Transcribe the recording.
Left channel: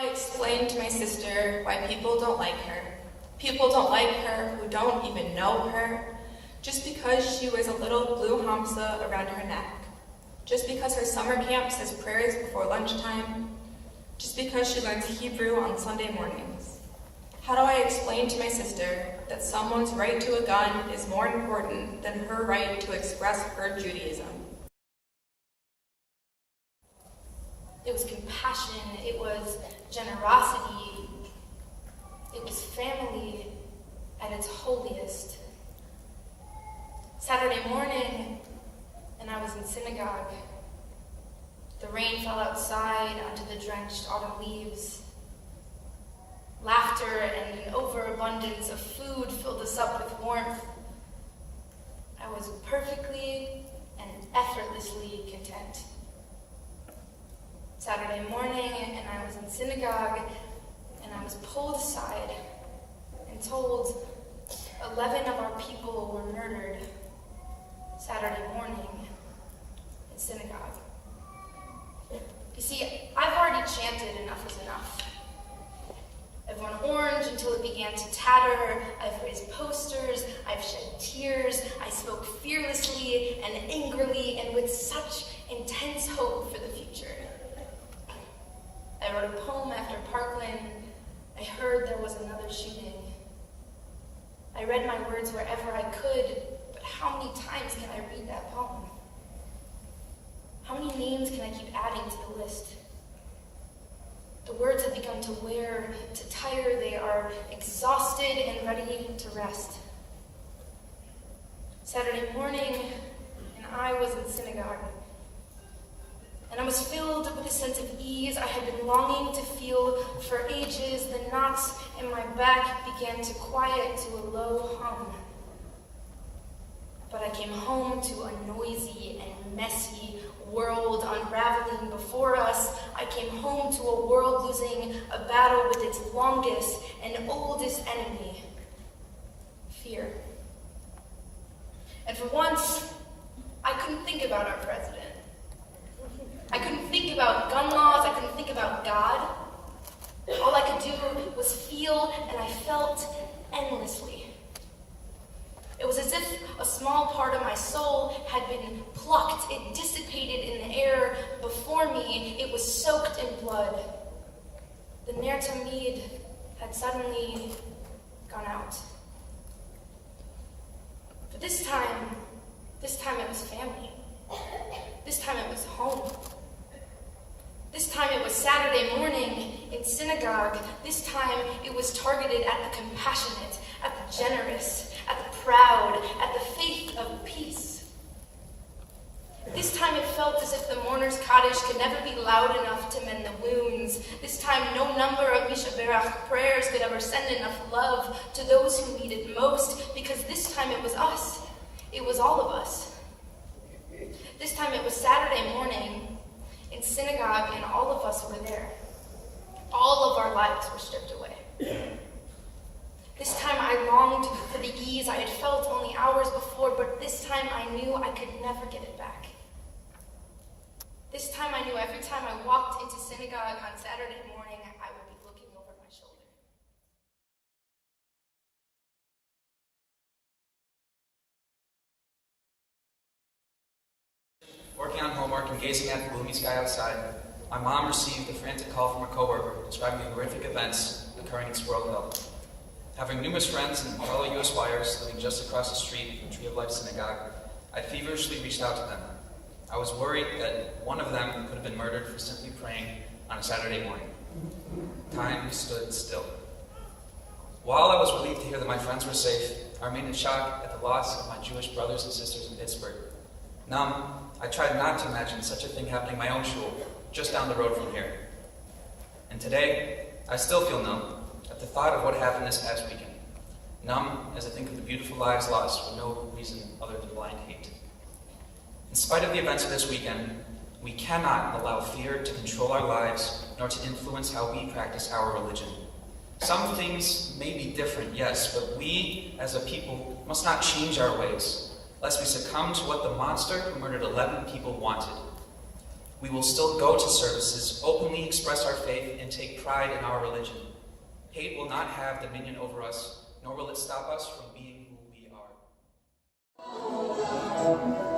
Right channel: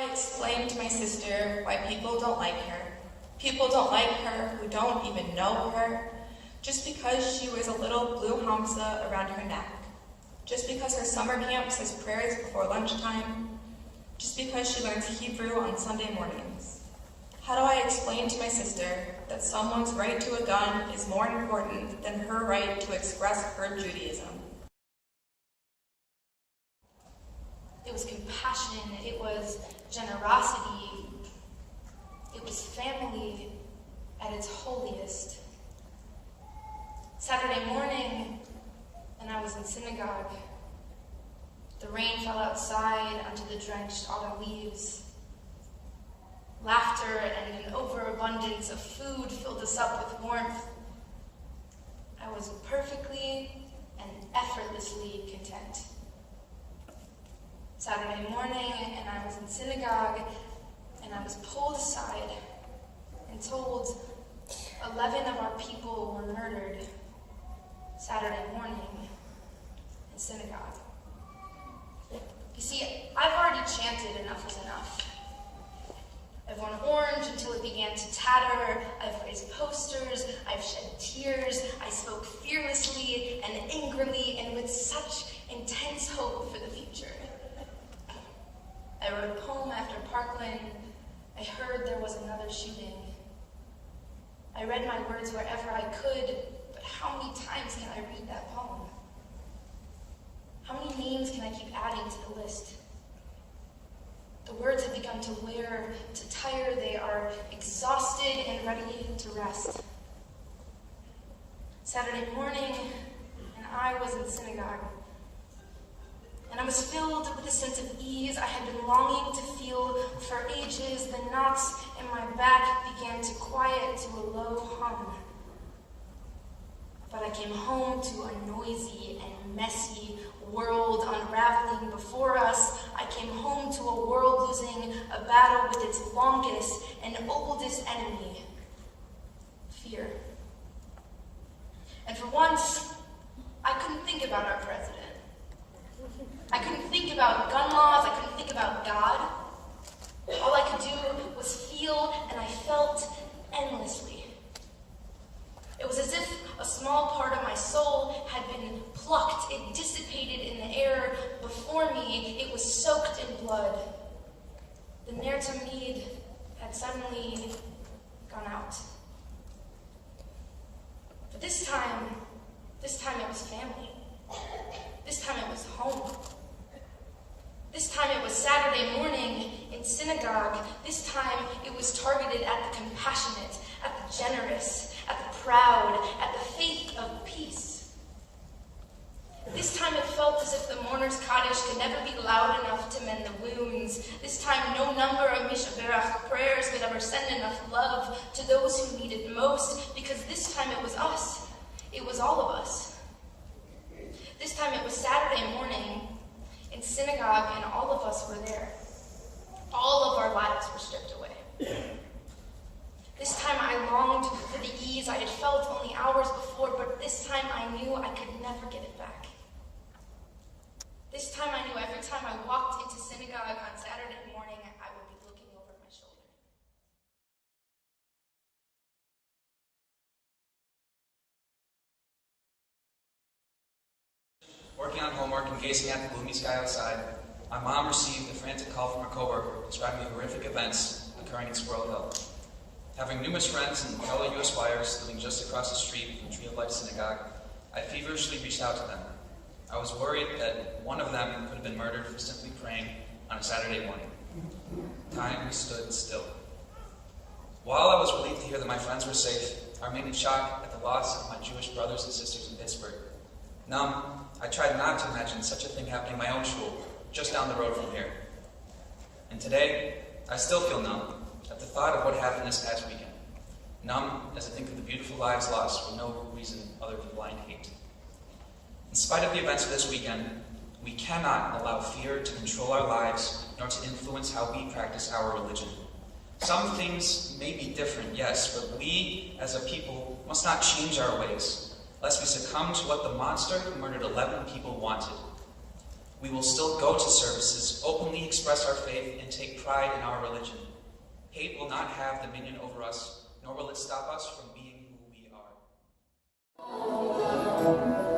I explain to my sister why people don't like her? People don't like her who don't even know her, just because she wears a little blue hamsa around her neck, just because her summer camp says prayers before lunchtime, just because she learns Hebrew on Sunday mornings. How do I explain to my sister that someone's right to a gun is more important than her right to express her Judaism? It was compassion, it was generosity, it was family at its holiest. Saturday morning, and I was in synagogue. The rain fell outside onto the drenched autumn leaves. Laughter and an overabundance of food filled us up with warmth. I was perfectly and effortlessly content. Saturday morning, and I was in synagogue, and I was pulled aside and told 11 of our people were murdered Saturday morning in synagogue. You see, I've already chanted enough is enough. I've worn orange until it began to tatter. I've raised posters. I've shed tears. I spoke fearlessly and angrily and with such intense hope for the future. I wrote a poem after Parkland. I heard there was another shooting. I read my words wherever I could, but how many times can I read that poem? How many names can I keep adding to the list? The words have begun to wear, to tire. They are exhausted and ready to rest. Saturday morning, and I was in synagogue. And I was filled with a sense of ease I had been longing to feel for ages. The knots in my back began to quiet to a low hum. But I came home to a noisy and messy world unraveling before us. I came home to a world losing a battle with its longest and oldest enemy, fear. And for once, I couldn't think about our president. I couldn't think about gun laws. I couldn't think about God. All I could do was feel, and I felt endlessly. It was as if a small part of my soul had been plucked. It dissipated in the air before me. It was soaked in blood. The Ner Tamid had suddenly gone out. But this time it was family. This time it was home. This time it was Saturday morning in synagogue. This time it was targeted at the compassionate, at the generous, at the proud, at the faith of peace. This time it felt as if the mourner's Kaddish could never be loud enough to mend the wounds. This time no number of Mishaberach prayers could ever send enough love to those who needed most, because this time it was us. It was all of us. This time it was Saturday morning in synagogue, and all of us were there. All of our lives were stripped away. This time I longed for the ease I had felt only hours before, but this time I knew I could never get it back. This time I knew every time I walked into synagogue on Saturday morning, I would be looking over my shoulder. Working on homework and gazing at the gloomy sky outside, my mom received a frantic call from a coworker describing the horrific events occurring in Squirrel Hill. Having numerous friends in fellow U.S. wires living just across the street from Tree of Life Synagogue, I feverishly reached out to them. I was worried that one of them could have been murdered for simply praying on a Saturday morning. Time stood still. While I was relieved to hear that my friends were safe, I remained in shock at the loss of my Jewish brothers and sisters in Pittsburgh. Numb, I tried not to imagine such a thing happening in my own shul, just down the road from here. And today, I still feel numb at the thought of what happened this past weekend. Numb as I think of the beautiful lives lost for no reason other than blind hate. In spite of the events of this weekend, we cannot allow fear to control our lives, nor to influence how we practice our religion. Some things may be different, yes, but we, as a people, must not change our ways, lest we succumb to what the monster who murdered 11 people wanted. We will still go to services, openly express our faith, and take pride in our religion. Hate will not have dominion over us, nor will it stop us from being who we are.